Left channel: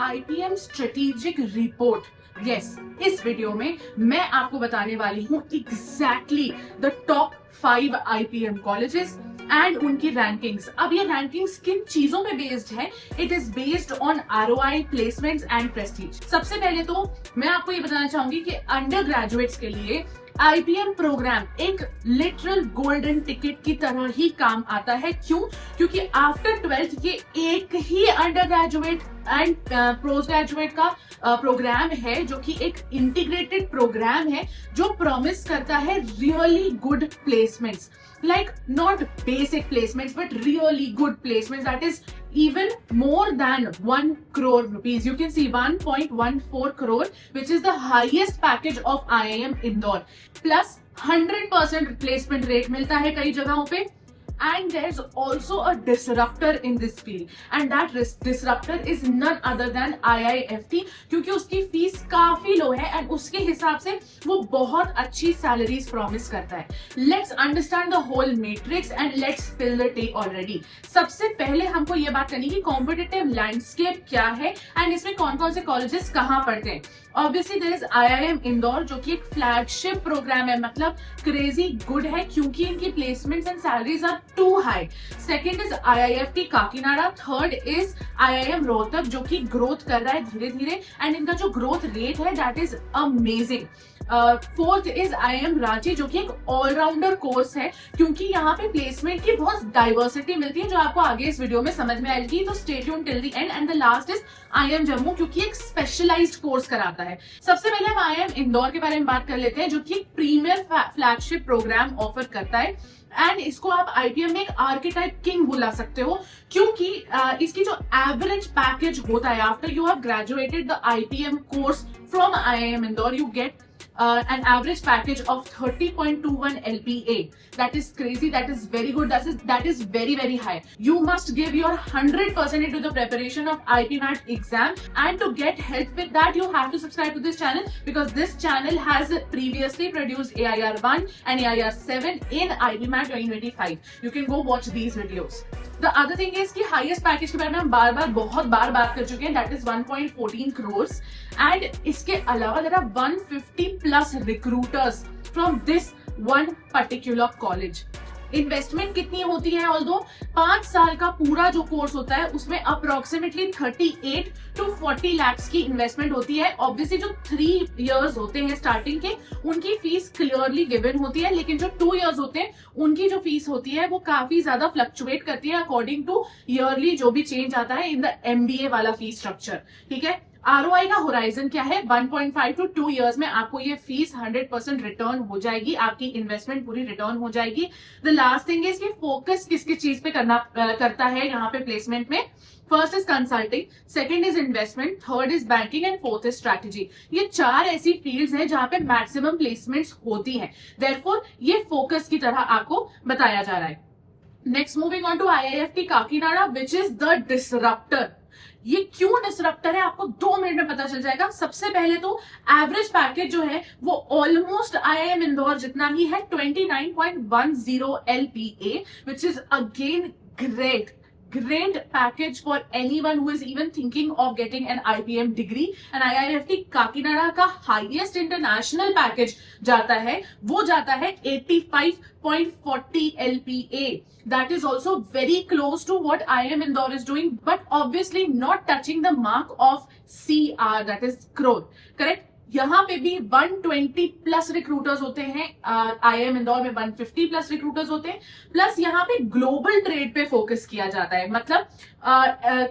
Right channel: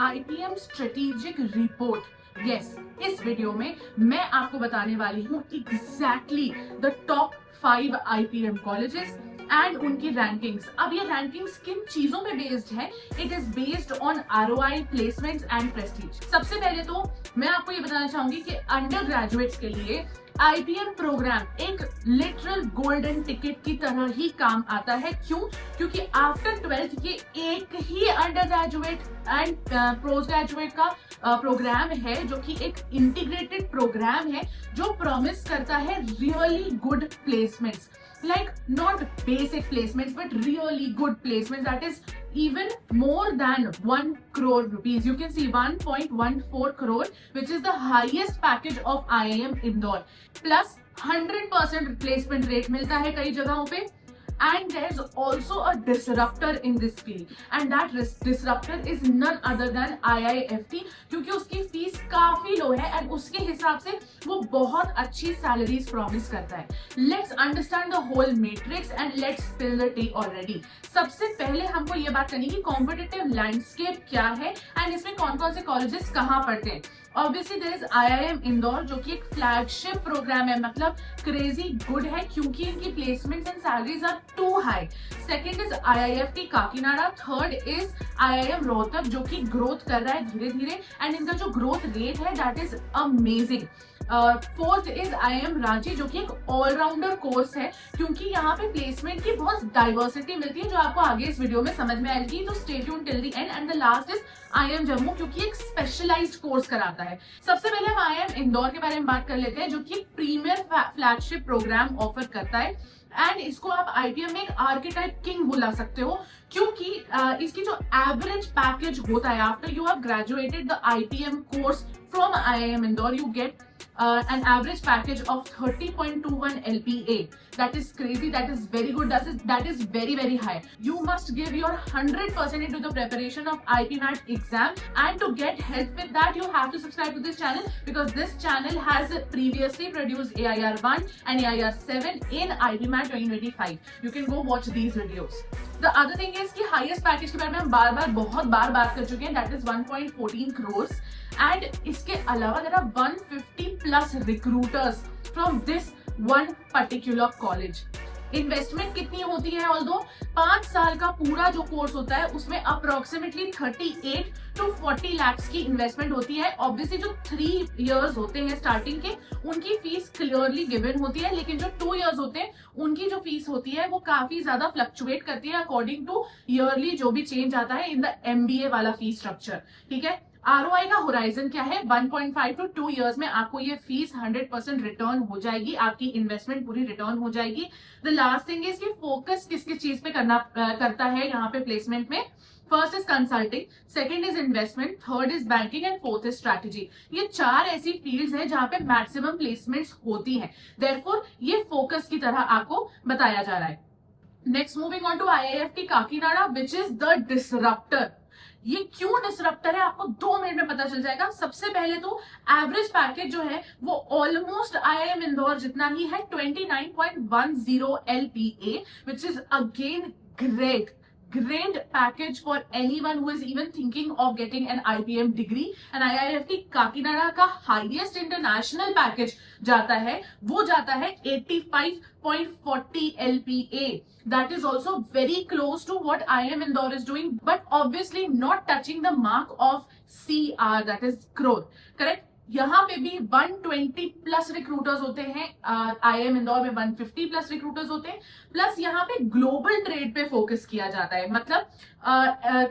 IPM strategic report. Yes, इस video में मैं आपको बताने वाली हूँ exactly the top 5 IPM colleges and उनकी रैंकिंग्स। अब ये रैंकिंग्स किन चीजों पे बेस्ड है? It is based on ROI, placements and Prestige. सबसे पहले तो मैं आपको ये बताना चाहूंगी कि अंडर ग्रेजुएट्स के लिए IPM प्रोग्राम एक लिटरल गोल्डन टिकट की तरह ही काम आता है। क्यों? क्योंकि आफ्टर 12th ये एक ही undergraduate and postgraduate का प्रोग्राम है जो कि एक इंटीग्रेटेड प्रोग्राम है जो प्रॉमिस करता है really good placements, like not basic placements but really good placements, that is even more than 1 crore rupees. You can see 1.14 crore, which is the highest package of IIM Indore, plus 100% replacement rate मिलता है कई जगहों पे. And there's also a disruptor in this field, and that disruptor is none other than IIFT, क्योंकि उसकी fees काफी लो है and उसके हिसाब से वो बहुत अच्छी सैलरीज प्रॉमिस करता है. Let's understand the whole matrix and let's fill the टे ऑलरेडी. सबसे पहले हमको ये बात करनी है कॉम्पिटिटिव लैंडस्केप क्या है एंड इसमें कौन कौन से कॉलेजेस कहाँ पढ़ते हैं. Obviously there is IIM Indore जो कि एक फ्लैगशिप प्रोग्राम है, मतलब क्रेजी गुड है क्योंकि इनकी placements and salaries are too high. Second is IIFT Kakinada. Third is IIM Rohtak जो कि ग्रोथ कर रहा है धीरे धीरे एंड इनका जो ग्रोथ रेट है that is amazing. Fourth is IIM Ranchi जो कि एक ऑलराउंडर कोर्स है क्योंकि यहाँ पे प्लेसमेंट की बहुत डाइवर्सिटी मिलती है जो आपको आगे इस वीडियो में समझ में आएगी, तो stay tuned till the end. And the last is IIM Jammu क्योंकि एक स्पेशलाइज्ड कोर्स कराता है. सबसे पहले हम IIM इंदौर के बारे में बात कर लेते हैं जो कि एक प्रीमियर फ्लैगशिप प्रोग्राम ऑफर करता है एंड इसको आप IPM में एक आर्किटाइप किंग बुला सकते हो क्योंकि इसकी जो एवरेज पैकेज होता है after you have graduated the IPM course from IIM Indore, you get an average package of 30.21 LPA. That is crazy. That is very good. That is very very high. You must give your 100% into the preparation of IPMAT exam, and to get help with that, you have to subscribe to this channel because this channel has previously produced AIR 1 and AIR 7 in IPMAT 2025. You can go watch these videos. The other thing is कि highest package के बारे में हम बहुत बार बात कर चुके हैं. That is 1.14 crores. And इसके अलावा there are 150 plus recruiters from this one particular college. Investment कितनी होती है? ऑल्दो 5 साल का पूरा जो कोर्स होता है उसमें अप्रोक्सीमेटली 38 to 40 lakhs की इन्वेस्टमेंट होती है. ऑब्वियसली जो 3 years होते हैं स्टार्टिंग के उनकी फीस क्लियरली गिवन होती है, लेकिन जो 2 years होते हैं उनकी जो फीस होती है वो काफी ज्यादा फ्लक्चुएट करती है अकॉर्डिंग टू ईयरली जो भी चेंज आता है इन द MBA वाला फीस स्ट्रक्चर. ठीक है. ROI का होराइजन क्या है? 1.5 to 2 years में आपको ये फीस 100% रिटर्न हो जाएगी, आपकी इन्वेस्टमेंट पूरी रिटर्न हो जाएगी. द लास्ट थिंग इज कि फोकस किस किस चीज पे करता है यहाँ पे प्लेसमेंट में. First is consulting, second is investment, third is banking and fourth is strategy. ये 4 ऐसी फील्ड्स हैं जहां पे मैक्सिमम प्लेसमेंट्स होती हैं. देयरफॉर ये फोकस की तरह आपको बताया जा रहा है. Next moving on to IIFT Kakinada which is the disruptor. ये क्यों डिसरप्टर है आपको 2 मिनट में पता चल जाएगा. सबसे पहले तो एवरेज पैकेज जो है वो ऑलमोस्ट IIM इंदौर जितना ही है, 29.10 LPA, which is again great package for anyone who is even thinking of getting an IPM degree. And IIFT Kakinada का हाईएस्ट इंटरनेशनल पैकेज जाता है, वो जाता है 85.40 LPA. That is also very close to what IIM Indore is doing, but obviously not touching the mark of CR, that is crore. Correct? यहाँ पे भी 120 plus recruiters होते हैं. IIM इंदौर में 150 प्लस रिक्रूटर्स होते हैं. प्लस यहाँ पे ग्लोबल ट्रेड पे फोकस किया जाता है, मतलब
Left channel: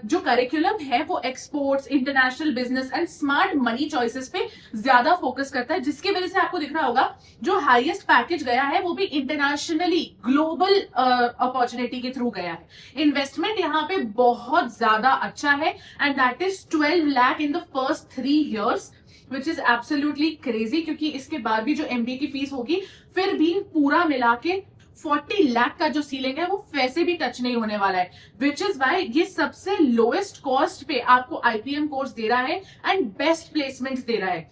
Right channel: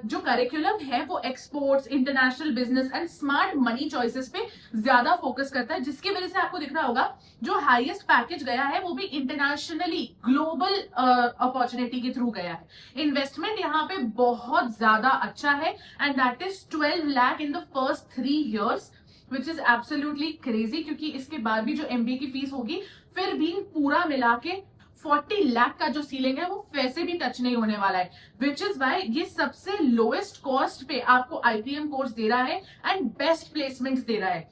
जो करिकुलम है वो exports, international business and smart money choices पे ज्यादा फोकस करता है, जिसकी वजह से आपको दिख रहा होगा जो हाईएस्ट पैकेज गया है वो भी इंटरनेशनली ग्लोबल अपॉर्चुनिटी के थ्रू गया है. इन्वेस्टमेंट यहाँ पे बहुत ज्यादा अच्छा है and that is 12 lakh in the first 3 years, which is absolutely crazy क्योंकि इसके बाद भी जो MBA की फीस होगी फिर भी पूरा मिला के 40 लाख का जो सीलिंग है वो वैसे भी टच नहीं होने वाला है, विच इज वाई ये सबसे लोएस्ट कॉस्ट पे आपको IPM कोर्स दे रहा है एंड बेस्ट प्लेसमेंट्स दे रहा है.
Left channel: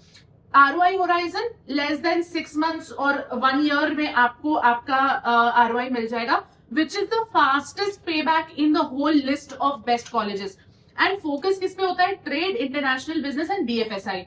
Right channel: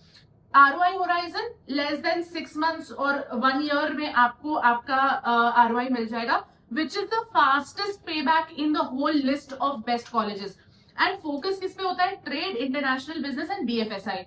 ROI horizon less than 6 months और 1 year में आपको आपका ROI मिल जाएगा, which is the fastest payback in the whole list of best colleges. And focus किस पे होता है? Trade, international business and BFSI।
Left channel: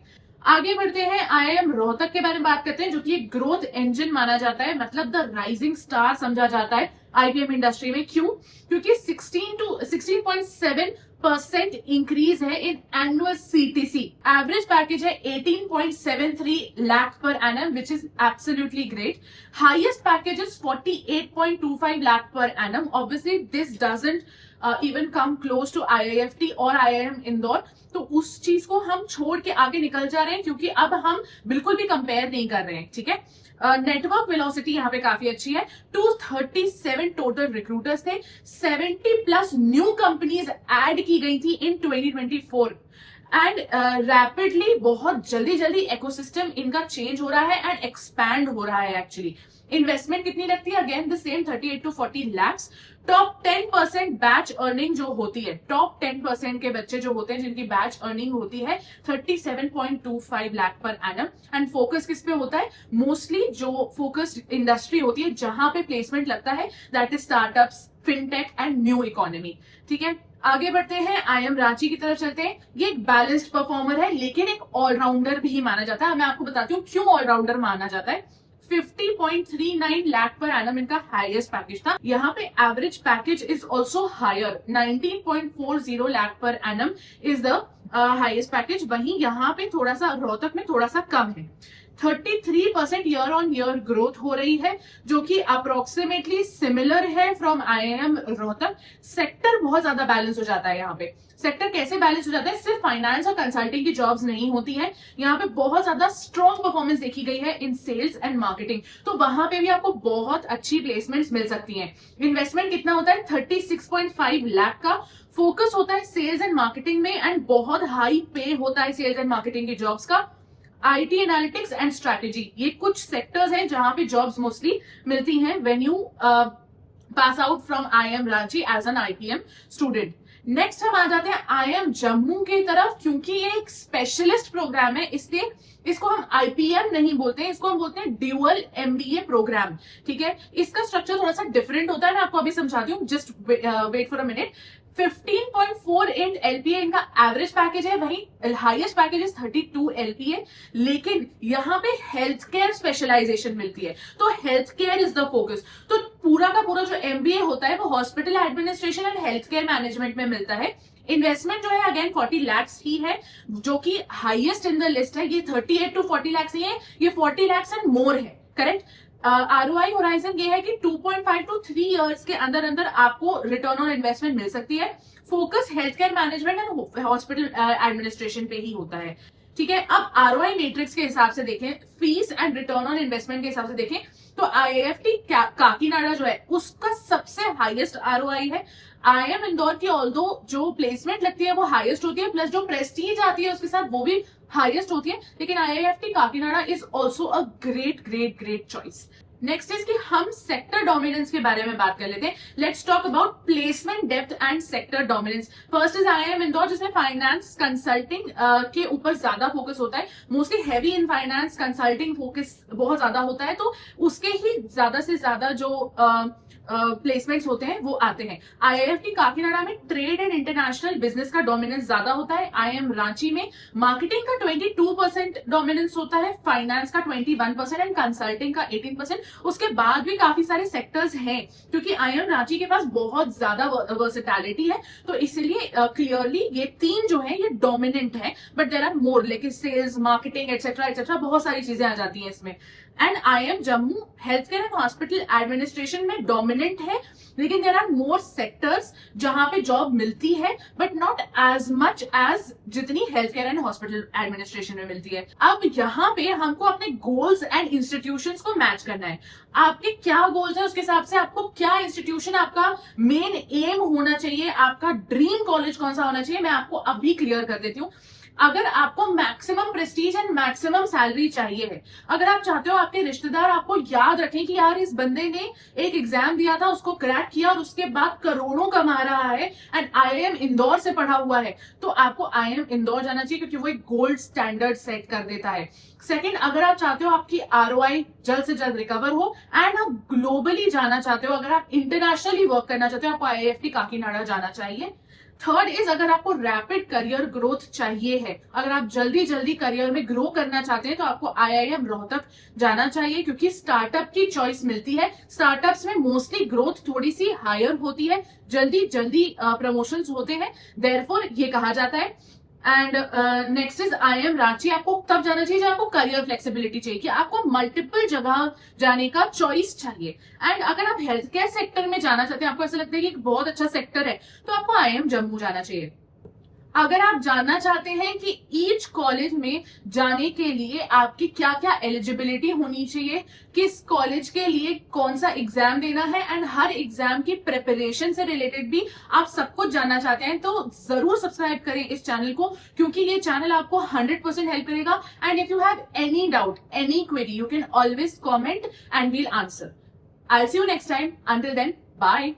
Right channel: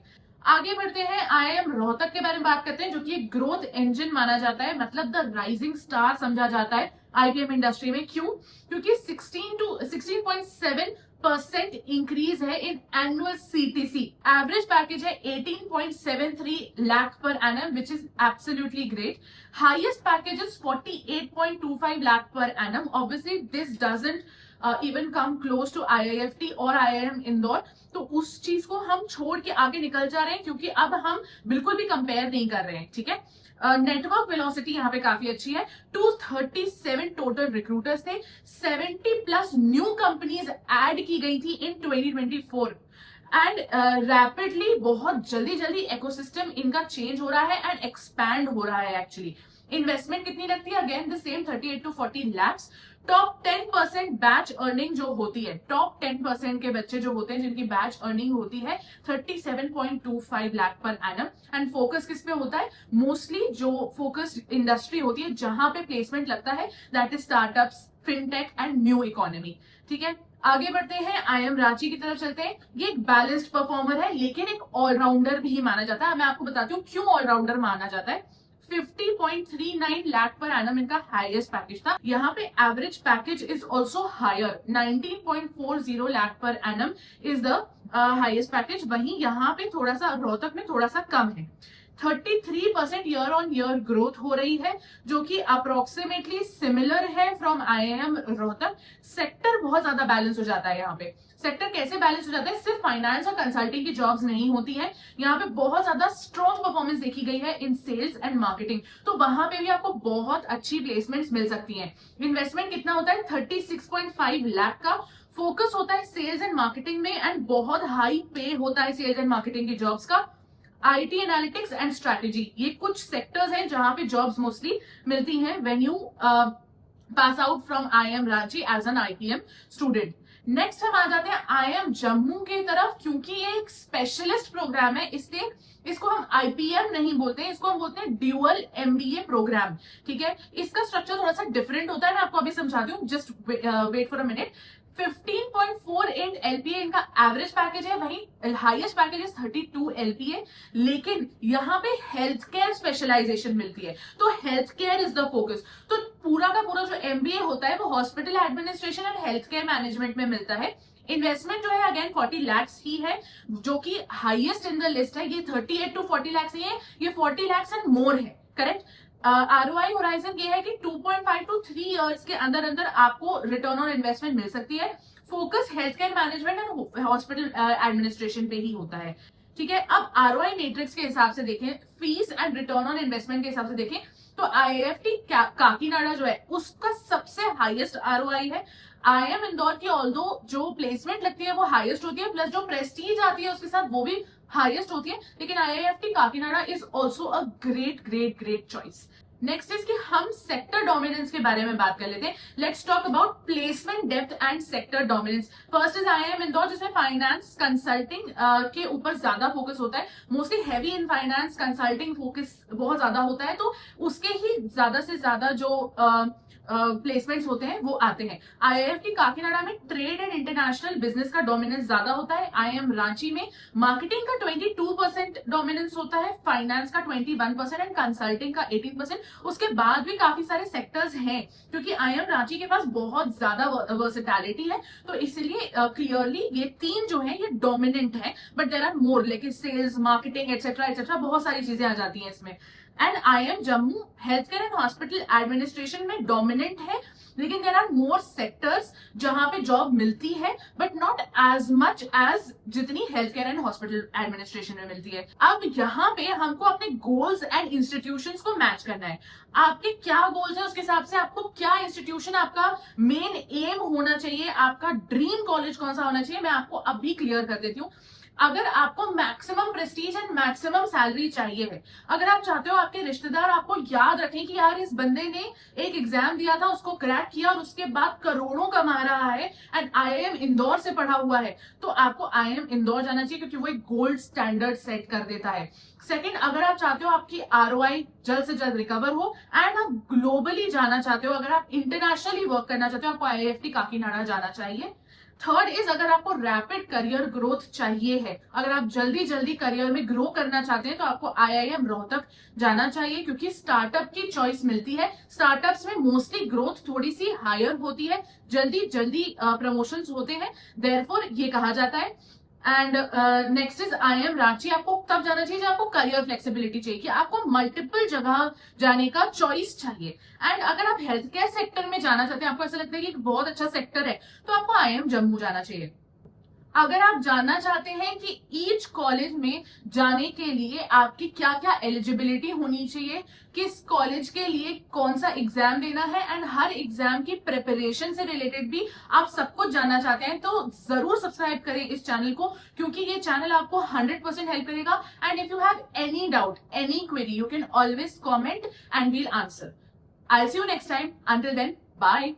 आगे बढ़ते हैं, IIM रोहतक के बारे में बात करते हैं, जो कि एक ग्रोथ इंजन माना जाता है, मतलब द राइजिंग स्टार समझा जाता है IPM इंडस्ट्री में। क्यों? क्योंकि 16% इंक्रीज है in annual CTC। Average package है 18.73 lakh per annum, which is absolutely great. Highest package is 48.25 lakh per annum. Obviously this doesn't even come close to IIFT और IIM इंदौर, तो उस चीज को हम छोड़ के आगे निकल जा रहे हैं, क्योंकि अब हम बिल्कुल भी कंपेयर नहीं कर रहे हैं, ठीक है। नेटवर्क वेलोसिटी यहाँ पे काफी अच्छी है। 237 टोटल रिक्रूटर्स थे, 70 प्लस न्यू कंपनीज ऐड की गई थी इन 2024 एंड रैपिडली, बहुत जल्दी जल्दी इकोसिस्टम इनका चेंज हो रहा है एंड एक्सपैंड हो रहा है। एक्चुअली इन्वेस्टमेंट कितनी लगती है? Again the same 38 to 40 lakhs। Top 10% batch earning जो होती है, टॉप 10% के बच्चे जो होते हैं जिनकी बैच अर्निंग होती है 37.25 lakh per annum. And focus किस पे होता है? मोस्टली जो फोकस्ड इंडस्ट्री होती है जहां पे प्लेसमेंट लगता है, that is startups, fintech and new economy, ठीक है। आगे बढ़ते हैं, IIM रांची की तरफ चलते हैं। ये एक बैलेंस्ड परफॉर्मर है, लेकिन एक ऑलराउंडर भी माना जाता है। मैं आपको बताती हूँ क्यों ऑलराउंडर माना जाता है। 50.39 लाख पर एनम इनका हाईएस्ट पैकेज था। यहाँ पे average package is also higher, 19.40 lakh per annum is the highest package. वहीं यहाँ पे थोड़ा सा रोहतक में थोड़ा सा कम है। 33% ईयर ऑन ईयर ग्रोथ हो रही है, जो कि अप्रोक्सीमेटली सिमिलर है फ्रॉम IIM रोहतक। सेक्टर बहुत ज्यादा बैलेंस हो जाता है यहाँ पे। सेक्टर कैसे बैलेंस हो जाता है? सिर्फ फाइनेंस और कंसल्टिंग की जॉब्स नहीं होती हैं, यहाँ पे बहुत ज्यादा स्ट्रॉन्ग परफॉर्मेंस देखी गई है इन सेल्स एंड मार्केटिंग, तो वहां पे भी आपको बहुत अच्छी प्लेसमेंट्स मिल सकती हैं। इन्वेस्टमेंट कितना होता है? 36.5 लाख का। फोकस होता है सेल्स एंड मार्केटिंग में एंड बहुत हाई पे होता है सेल्स एंड मार्केटिंग की जॉब्स का। IT एनालिटिक्स एंड स्ट्रैटेजी, ये कुछ सेक्टर्स हैं जहां पे जॉब्स मोस्टली मिलती हैं when you pass out from IIM Ranchi as an IPM student. Next हम आ जाते हैं IIM जम्मू की तरफ। क्योंकि ये एक स्पेशलिस्ट प्रोग्राम है, इसलिए इसको हम IPM नहीं बोलते हैं, इसको हम बोलते हैं ड्यूअल MBA प्रोग्राम, ठीक है। इसका स्ट्रक्चर थोड़ा सा डिफरेंट होता है, मैं आपको अभी समझाती हूँ, just wait for a minute. 15.48 LPA इनका एवरेज पैकेज है, वहीं हाईएस्ट पैकेज है 32 LPA। लेकिन यहाँ पे हेल्थ केयर स्पेशलाइजेशन मिलती है, तो health care is the focus. तो पूरा का पूरा जो MBA होता है वो hospital administration and health care management में मिलता है। इन्वेस्टमेंट जो है अगेन 40 lakhs ही है, जो कि हाईएस्ट इन द लिस्ट है। ये 38 to 40 lakhs नहीं है, ये 40 lakhs एंड मोर है, करेक्ट। ROI होराइजन ये है कि 2.5 to 3 इयर्स के अंदर अंदर आपको रिटर्न ऑन इन्वेस्टमेंट मिल सकती है। Focus health care management and hospital administration पे ही होता है, ठीक है। अब ROI मैट्रिक्स के हिसाब से देखें, fees and return on investment के हिसाब से देखें, तो IIFT काकीनाडा जो है उसका सबसे हाईएस्ट ROI है। IIM इंदौर की ऑल्दो जो प्लेसमेंट लगती है वो हाईएस्ट होती है, प्लस जो प्रेस्टीज आती है उसके साथ वो भी हाईएस्ट होती है, लेकिन IIFT Kakinada is also a great great great choice. Next is कि हम सेक्टर डोमिनेंस के बारे में बात कर लेते हैं। Let's talk about placement depth and sector dominance. First is IIM Indore, जिसमें फाइनेंस कंसल्टिंग के ऊपर ज्यादा फोकस होता है, mostly heavy in finance consulting focus बहुत ज्यादा होता है, तो उसके ही ज्यादा से ज्यादा जो प्लेसमेंट्स होते हैं वो आते हैं। IIFT काकीनाडा में ट्रेड एंड इंटरनेशनल बिजनेस का डोमिनेंस ज्यादा होता है। IIM रांची में मार्केटिंग का 22% डोमिनेंस होता है, फाइनेंस का 21% एंड कंसल्टिंग का 18%। उसके बाद भी काफी सारे सेक्टर्स हैं, क्योंकि IIM रांची के पास बहुत ज्यादा वर्सेटैलिटी है, तो इसलिए क्लियरली ये तीन जो है ये डोमिनेंट है, बट देयर आर मोर, लेकिन सेल्स, मार्केटिंग एटसेट्रा बहुत सारी चीजें आ जाती हैं इसमें। And IIM Jammu health care and hospital administration में डोमिनेंट है, लेकिन देयर आर मोर सेक्टर्स जहां पे जॉब मिलती है, but not as much as जितनी health care and hospital administration में मिलती है। अब यहाँ पे हमको अपने गोल्स एंड इंस्टीट्यूशंस को मैच करना है। आपके क्या गोल्स है उसके हिसाब से आपको क्या इंस्टीट्यूशन, आपका मेन एम होना चाहिए, आपका ड्रीम कॉलेज कौन सा होना चाहिए, मैं आपको अभी क्लियर कर देती हूँ। अगर आपको maximum Prestige and maximum salary चाहिए है, अगर आप चाहते हो आपके रिश्तेदार आपको याद रखें कि यार इस बंदे ने एक एग्जाम दिया था, उसको क्रैक किया और उसके बाद करोड़ों कमा रहा है एंड IIM इंदौर से पढ़ा हुआ है, तो आपको IIM इंदौर जाना चाहिए, क्योंकि वो एक गोल्ड स्टैंडर्ड सेट कर देता है। सेकंड, अगर आप चाहते हो आपकी ROI जल्द से जल्द रिकवर हो एंड आप ग्लोबली जाना चाहते हो, अगर आप इंटरनेशनली वर्क करना चाहते हो, आपको IIFT काकीनाडा जाना चाहिए। थर्ड इज, अगर आपको रैपिड करियर ग्रोथ चाहिए है, अगर आप जल्दी जल्दी करियर में ग्रो करना चाहते हैं, तो आपको आईआईएम रोहतक जाना चाहिए, क्योंकि स्टार्टअप की चॉइस मिलती है। स्टार्टअप्स में मोस्टली ग्रोथ थोड़ी सी हायर होती है, जल्दी जल्दी प्रमोशंस होते हैं, देयरफॉर ये कहा जाता है। And next is IIM Ranchi. आपको तब जाना चाहिए जब आपको करियर फ्लेक्सिबिलिटी चाहिए, कि आपको मल्टीपल जगह जाने का चॉइस चाहिए। एंड अगर आप हेल्थ केयर सेक्टर में जाना चाहते हैं, आपको ऐसा लगता है कि एक बहुत अच्छा सेक्टर है, तो आपको आईएम जम्मू जाना चाहिए। अगर आप जानना चाहते हैं कि ईच कॉलेज में जाने के लिए आपकी क्या क्या एलिजिबिलिटी होनी चाहिए, किस कॉलेज के लिए कौन सा एग्जाम देना है, एंड हर एग्जाम की प्रिपरेशन से रिलेटेड भी आप सब कुछ जानना चाहते हैं, तो जरूर सब्सक्राइब करें इस चैनल को, क्योंकि ये चैनल आपको 100% हेल्प करेगा। And if you have any doubt, any query, you can always comment and we'll answer. I will see you next time. Until then, bye.